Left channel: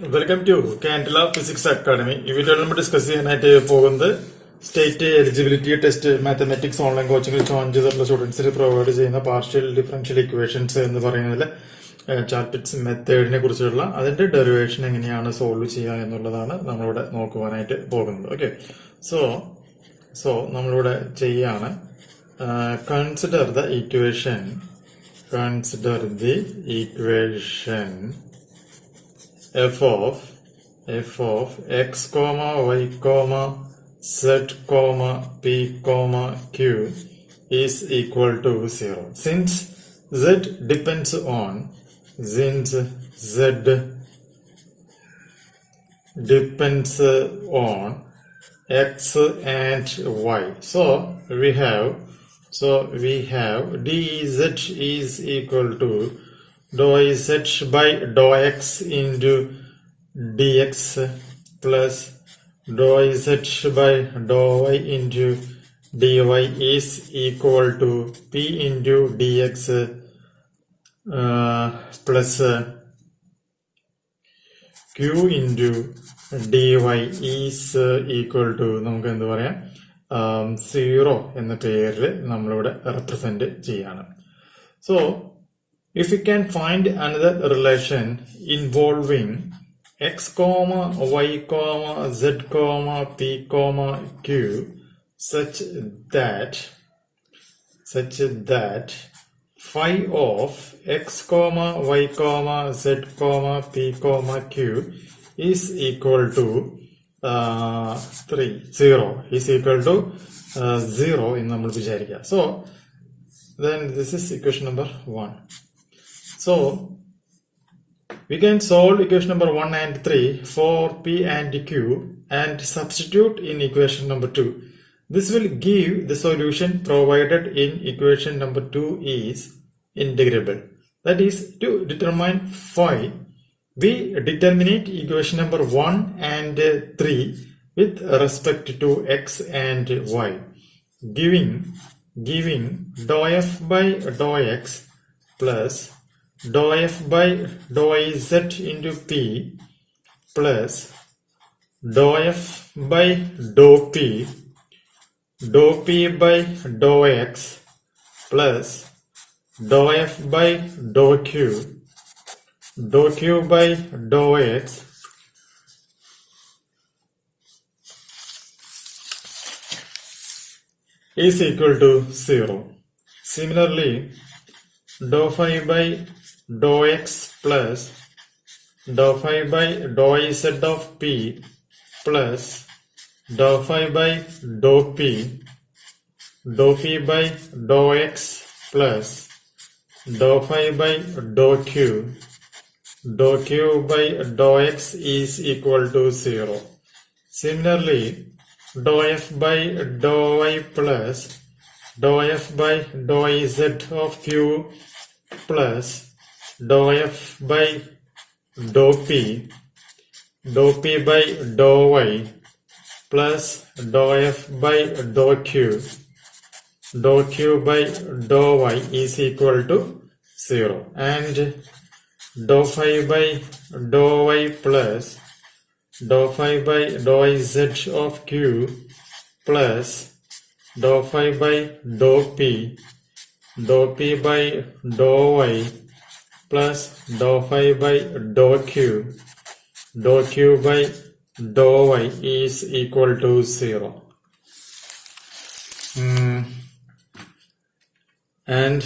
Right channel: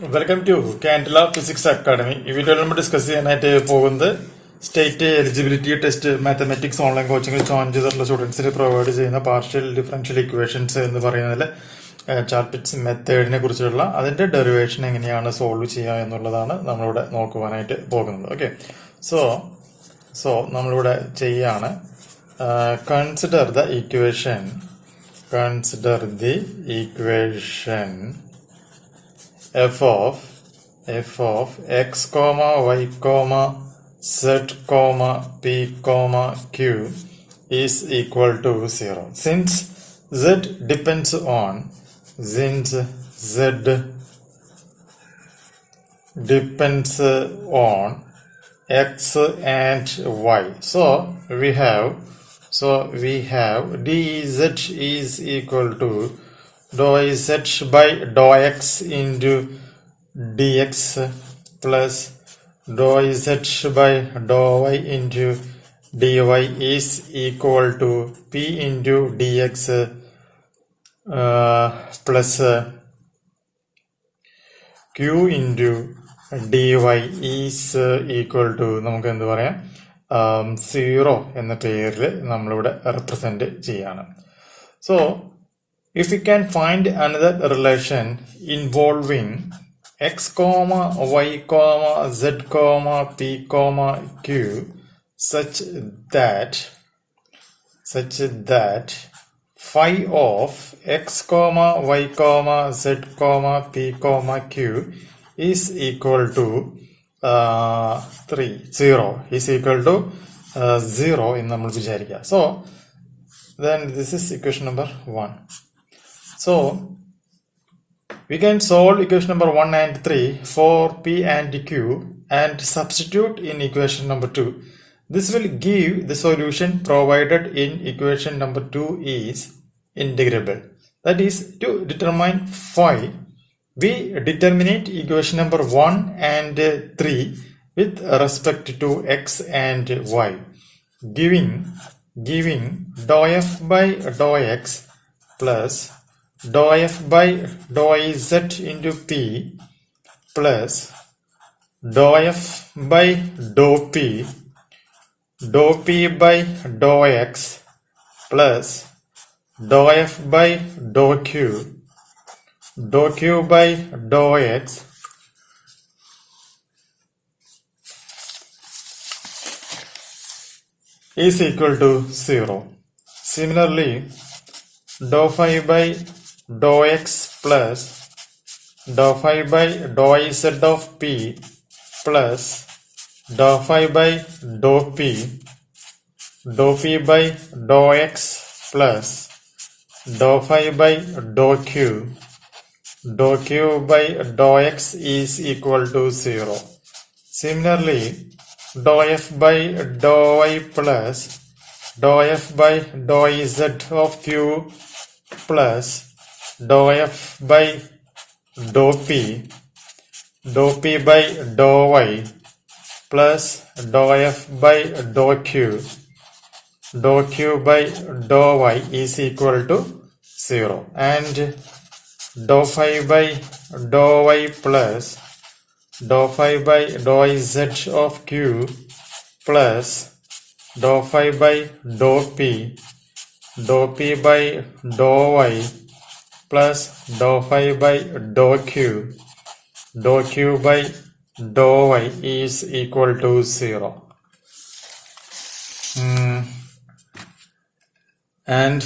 Welcome to Candela Physics Academy. If you don't discuss the state eligibility test mathematics online coaching students provide partial differential equations in the Charlets method derivation and solve okay. So consider the equation f of x comma y comma z comma p comma q is equal to 0. Since z depends on x and y, so we have dz is equal to dou z by dou x into dx plus dou z by dou y into dy is equal to p into dx plus q into dy is equal to നമുക്ക് എന്ത് പറയാം 0 എന്ന പേരിൽ നമ്മളിവിടെ represent ചെയ്യാണ്. So if we can find another relation involving x comma y comma z comma p comma q such that phi of x comma y comma z comma p comma q is equal to 0 is equal to 0 എന്ന് നമ്മൾ വിചാരിക്കുക. So then this is equation number 1. So we can solve equation number 1 and 3 for p and q and substitute in equation number 2. This will give the solution provided in equation number 2 is integrable. That is, to determine phi, we determinate equation number 1 and 3 with respect to x and y, giving dou f by dou x plus dou f by dou z into p plus dou f by dou p by dou x plus dou f by dou q by dou x is equal to 0. Similarly, dou phi by dou x plus dou phi by dou z of p plus dou phi by dou p by dou x plus dou phi by dou q by dou x is equal to 0. Similarly, dou f by dou y plus dou f by dou z of q plus dou f by dou p by dou y plus dou f by dou q by dou y is equal to 0. And dou phi by dou y plus dou phi by dou z of q plus dou phi by dou p by dou y plus dou phi by dou q by dou y is equal to 0. And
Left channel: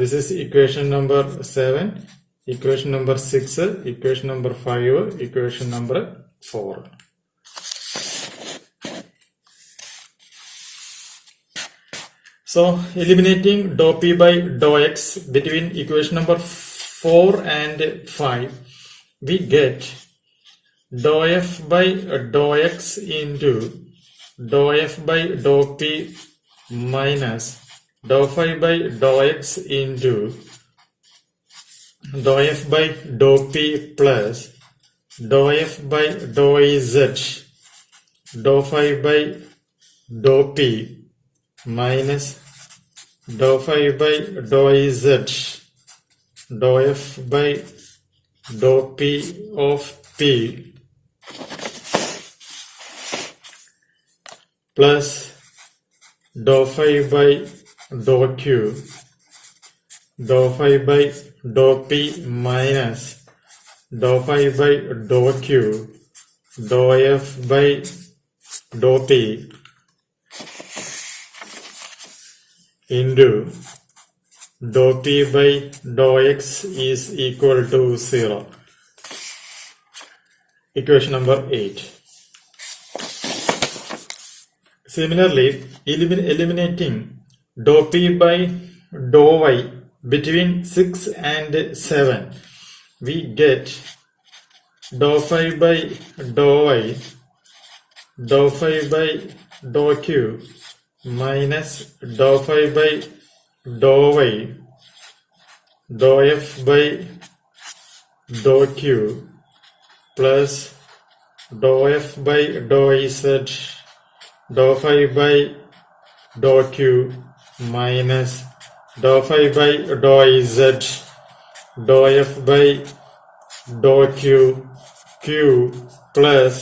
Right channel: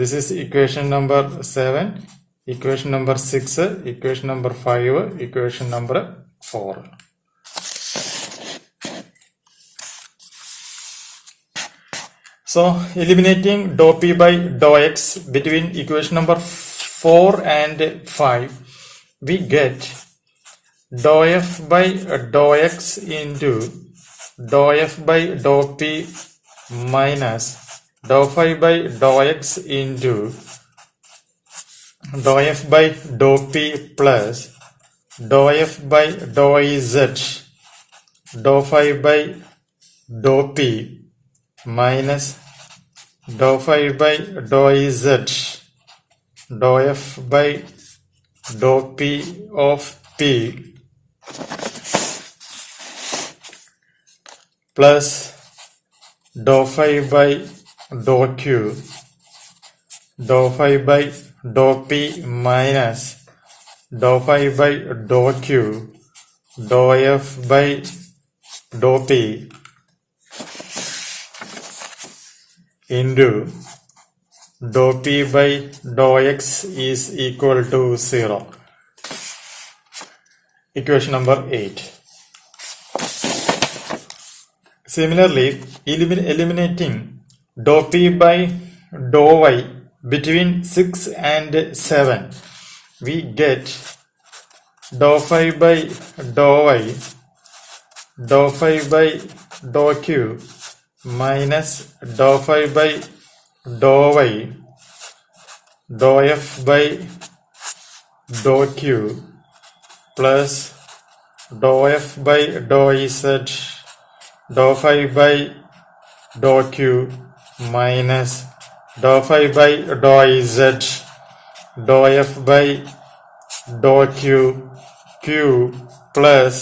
this is equation number 7, equation number 6, equation number 5, equation number 4. So eliminating dou p by dou x between equation number 4 and 5, we get dou f by dou x into dou f by dou p minus dou phi by dou x into dou f by dou p plus dou f by dou z dou phi by dou p minus dou phi by dou z dou f by dou p of p P plus dou phi by dou Q, dou phi by dou P minus dou phi by dou Q, dou F by dou P into dou P by dou X is equal to 0. Equation number 8. Similarly, eliminating dou P by dou Y between 6 and 7, we get dou phi by dou Y, dou phi by dou Q minus dou phi by dou Y, dou F by dou Q plus dou F by dou Z, dou phi by dou Q minus dou phi by dou Z, dou F by dou Q plus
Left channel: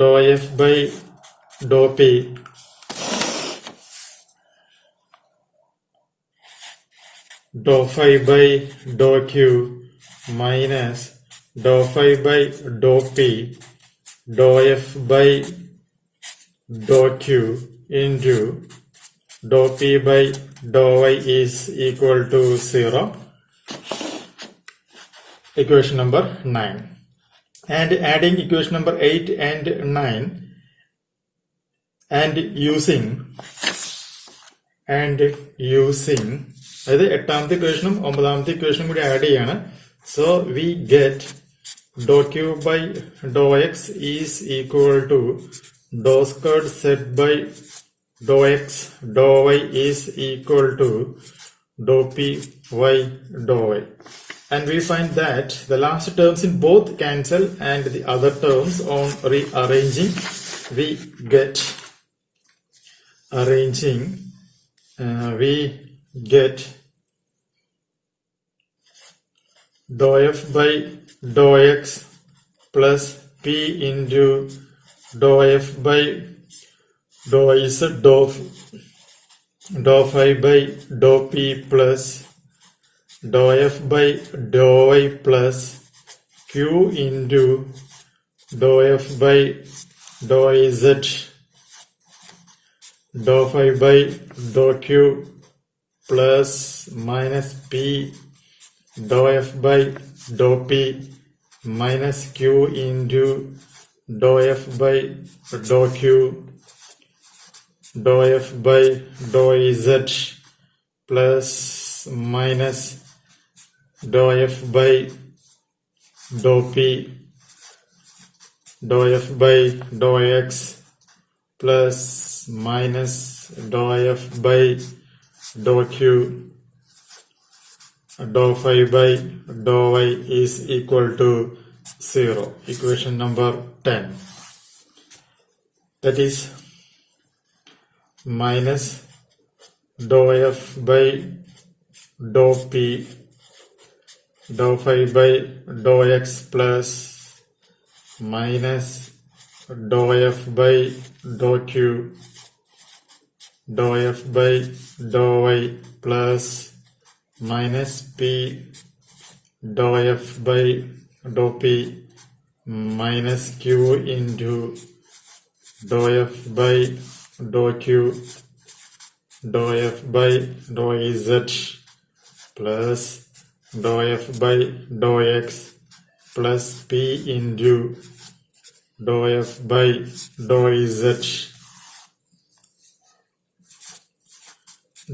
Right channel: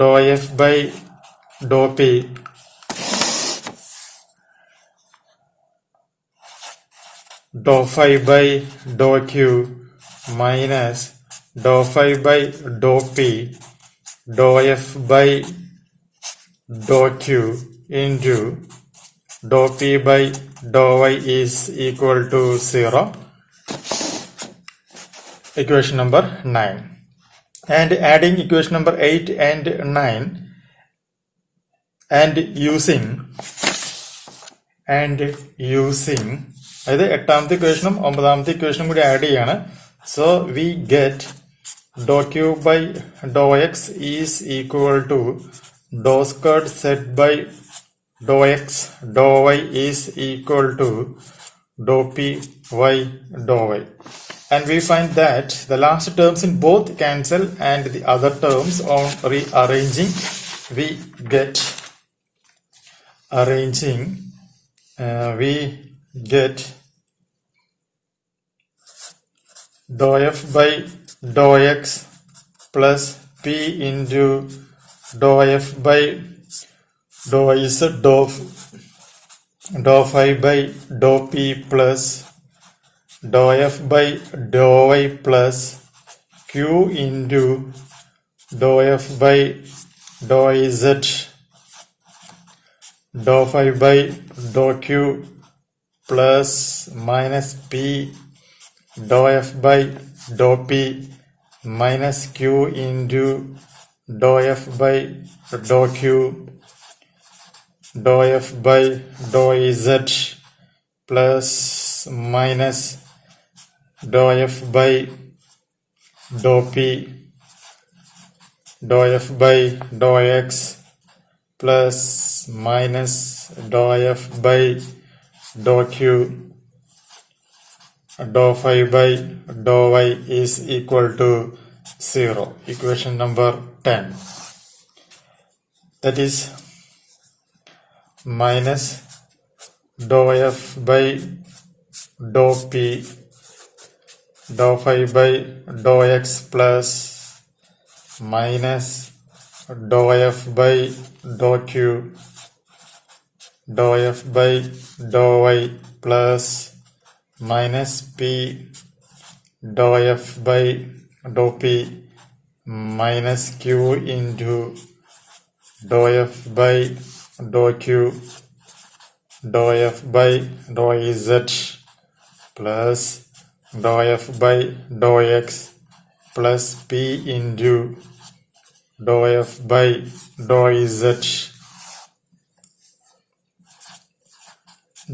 dou F by dou P dou phi by dou Q minus dou phi by dou P dou F by dou Q into dou P by dou Y is equal to 0. Equation number 9. And adding equation number 8 and 9 and using അതായത് എട്ടാമത്തെ ഇക്വേഷനും ഒമ്പതാമത്തെ ഇക്വേഷനും കൂടി add ചെയ്യാണ്. So we get dow Q by dow X is equal to dow squared set by dow X dow Y is equal to dow P Y dow Y. And we find that the last terms in both cancel and the other terms on rearranging we get dou F by dou X plus P into dou F by dou Z dou phi by dou P plus dou F by dou Y plus Q into dou F by dou Z dou phi by dou Q plus minus P dou F by dou P minus Q into dou F by dou Q dou F by dou Z plus minus dou F by dou P dou F by dou X plus minus dou F by dou Q dou phi by dou Y is equal to 0. Equation number 10. That is minus dou F by dou P dou phi by dou X plus minus dou F by dou Q dou F by dou Y plus minus P dou F by dou P minus Q into dou F by dou Q dou F by dou Z plus dou F by dou X plus P into dou F by dou Z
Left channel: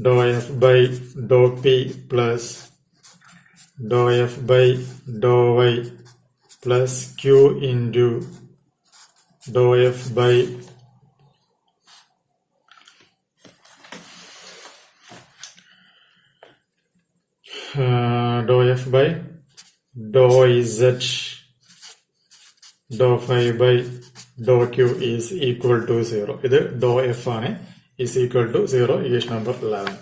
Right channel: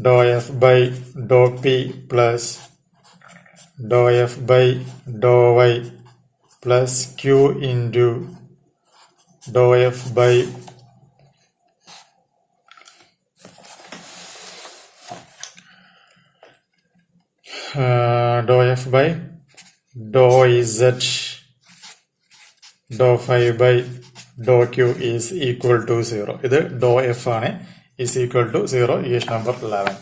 dou F by dou P plus dou F by dou Y plus Q into dou F by dou F by dou Z dou phi by dou Q is equal to 0. ഇത് dou F ആണ് is equal to 0. Equation number 11.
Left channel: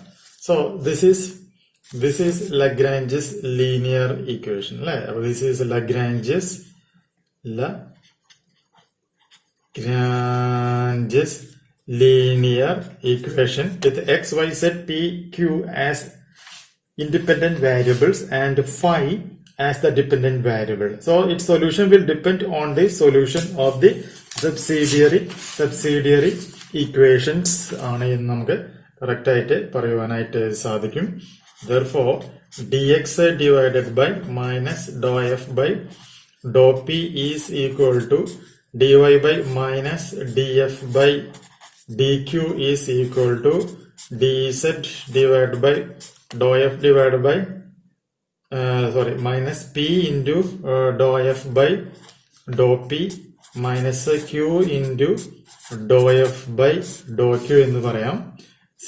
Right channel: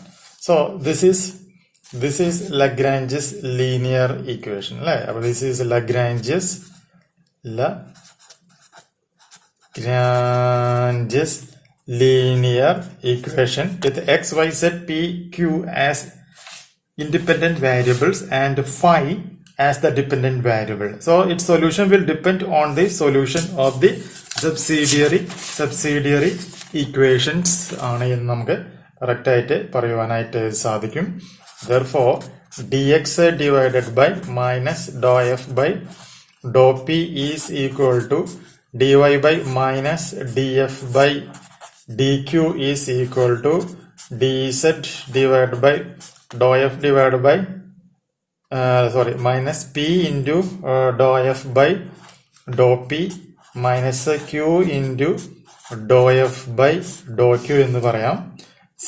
So this is Lagrange's linear equation. This is Lagrange's Lagrange's linear equation with x, y, z, p, q as independent variables and phi as the dependent variable. So its solution will depend on the solution of the subsidiary equations ആണ് എന്ന് നമുക്ക് correct ആയിട്ട് പറയുവാനായിട്ട് സാധിക്കും. Therefore dx divided by minus dou f by dou p is equal to dy by minus df by dq is equal to dz divided by dou f divided by minus p into dou f by dou p minus q into dou f by dou q എന്ന് പറയാം.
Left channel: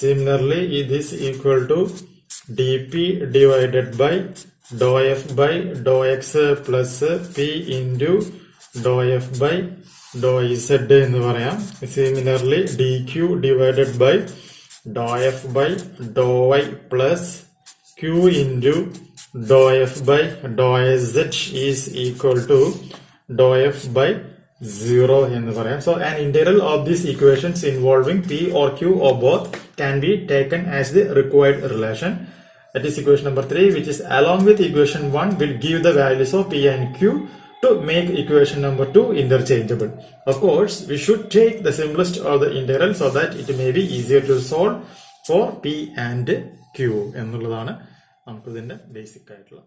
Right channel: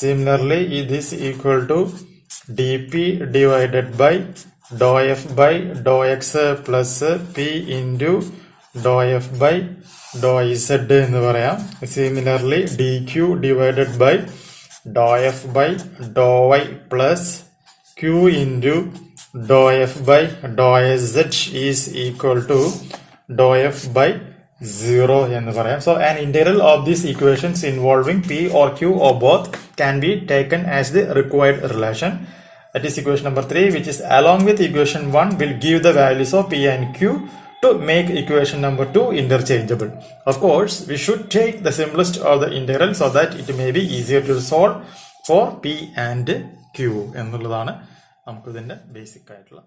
Similarly, it is equal to dp divided by dou f by dou x plus p into dou f by dou z എന്ന് പറയാം. Similarly, dq divided by dou f by dou y plus q into dou f by dou z is equal to dou f by 0 എന്ന് പറയാം. So an integral of these equations involving p or q or both can be taken as the required relation. That is equation number 3, which is along with equation 1 will give the values of p and q to make equation number 2 interchangeable. Of course, we should take the simplest of the integral so that it may be easier to solve for p and q എന്നുള്ളതാണ് നമുക്ക് ഇതിന്റെ basic ആയിട്ടുള്ള